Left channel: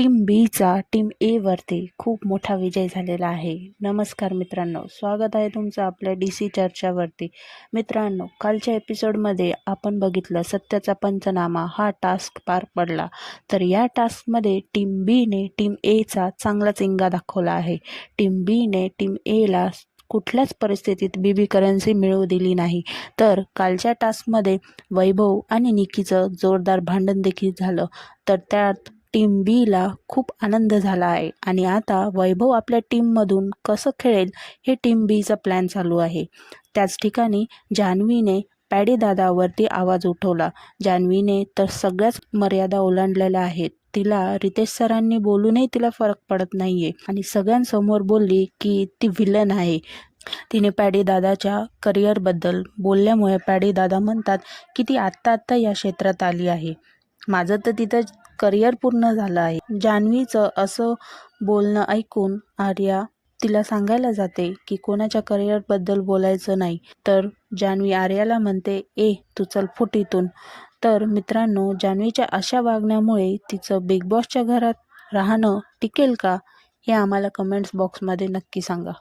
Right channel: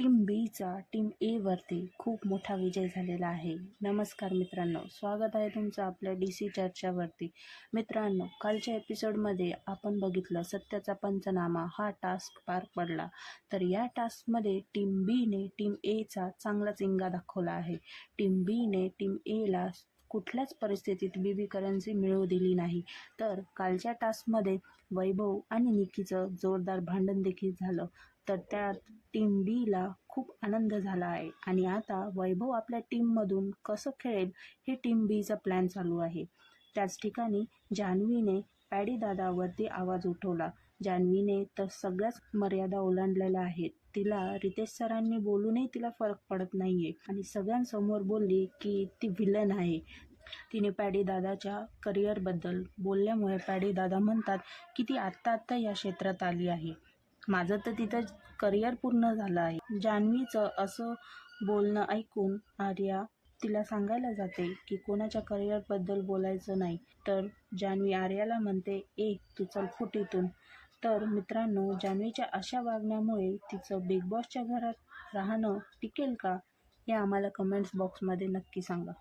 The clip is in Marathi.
टीम बीचा टीम ए वरती खूप मोठा विजय झालेला आहे। नमस्कार मित्रांनो, स्वागत आहे तुमचं आपल्या DC चर्चावरती। मित्रांनो, कालच्या एपिसोडमध्ये आपण बघितलं सत्याचा पंचनामा हा टास्क पार पडला। तर या टास्कमध्ये टीम बीने टीम एचा चांगलाच इंगा दाखवला आहे। टीम बीने टीम एला कुठल्याच परिस्थितीत बीबी करन्सी मिळवू दिली नाही। तर कालच्या टास्कमध्ये वैभव आणि निकीचं जोरदार भांडण देखील झालं। तर त्यात टीम बीला खूप आनंद झाला आहे आणि आता वैभव आपल्या टीममधून कसं खेळेल हे टीम बीचा प्लॅन चालू आहे। त्याच ठिकाणी जान्हवीने पॅडी दादावरती आवाज उठवला। जान्हवीने तर सगळ्याच मर्यादा ओलांडलेल्या आहेत। तिला रितेश सरांनी बोलूनही तिला फरक पडत नाहीये आणि सगळ्यांसमोर बोलली की ती विलन आहे। तिने पॅडी दादाच्या करिअरबद्दल बोलल्यामुळे पॅडी दादा म्हणतात की ती आत्ता या क्षेत्रात आली आहे, माझं तर तिथं करिअर पूर्ण झालं आहे। जान्हवीचं असं बोलणं ऐकून आर्या तिला सांगायला जाते की कोणाच्या करिअरबद्दल बोलायचं नाही। तर जान्हवी आर्याला म्हणते, तू चल फुट इथून। तर मित्रांनो, जान्हवीच्या अशा वागण्यामुळे तिचं बिग बॉसच्या घरात राहणं टिकेल का, हे आम्हाला कमेंट्स बॉक्समध्ये नक्की सांगा।